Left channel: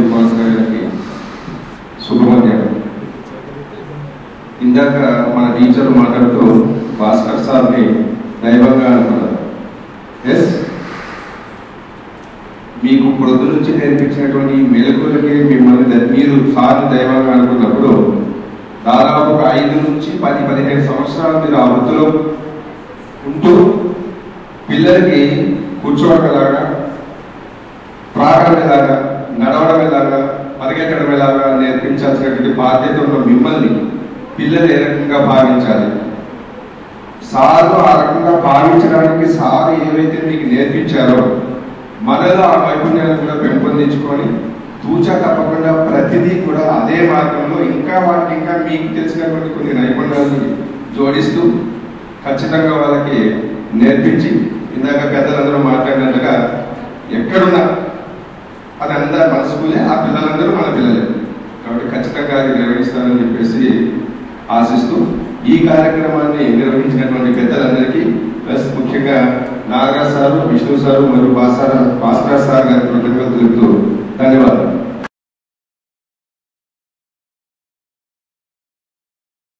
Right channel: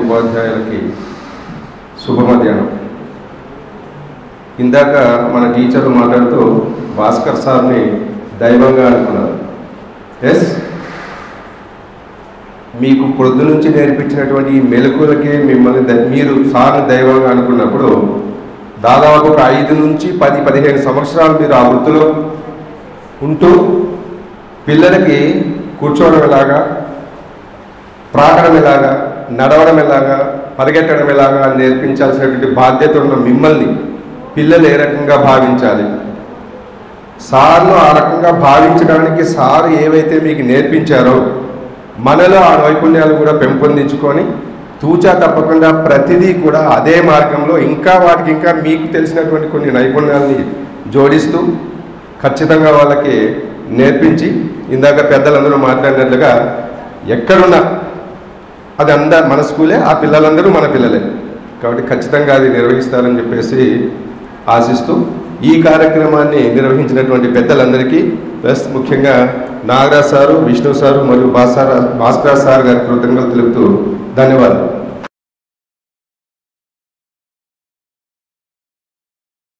ఉపాధ్యాయులకి శుభ మధ్యాహ్నం. ఇందాక మన టీచర్లు మాట్లాడుతూ భాస్కర్ సార్ని దైవంగా అనుకున్నారు. ఎస్, మీకు పొద్దు నుంచి నేర్పించినటువంటి మెలకులకే మిమ్మల్ని మీరు సార్ని దైవంగా అనుకున్నప్పుడు దాదాపు ఒక 5 నుంచి 10-15 సంవత్సరాలు మీరు ఆ వృత్తిలో ఉంటూ పిల్లలకి కూర్చోవడం ఎలాగా, ప్రాకడం ఎలాగా, నడవడం ఎలాగా, పరిగెత్తడం ఎలాగా నేర్పించాల్సినటువంటి బాధ్యత ఉన్న మిమ్మల్ని పిల్లలు ఏ రకంగా భావించాలి, సార్లు ఆ రకంగా భావించడానికి సార్ ఏవైతే మీకు నేర్పించారో మనలో ఆ నైపుణ్యాలను కూడా పెంపొందించుకొని తూచా తప్పకుండా ప్రతిదీ కూడా అదే మార్గంలో వాటికి ఇంకా మీకు తెలిసినటువంటి కొన్ని నైపుణ్యాలని జోడిస్తూ ఖచ్చితంగా వాళ్ళకి నేర్పించి, ఇందాక పెద్దలందరూ మాట్లాడినట్టుగా ఎక్కడున్నా అది మన స్కూలే, ఆ పిల్లలందరూ మన పిల్లలే కాబట్టి ఖచ్చితంగా అది నిర్వహిస్తారని చెప్పేసి ఆశిస్తూ ఈ కార్యక్రమాన్ని నిర్వహించినటువంటి పెద్దలందరికీ ప్లస్ ముఖ్యంగా నాగరాజ్ సారు, విష్ణు సారు మరియు భాస్కర్ సార్ గారి కృతజ్ఞతలు తెలుపుతూ ధన్యవాదాలు.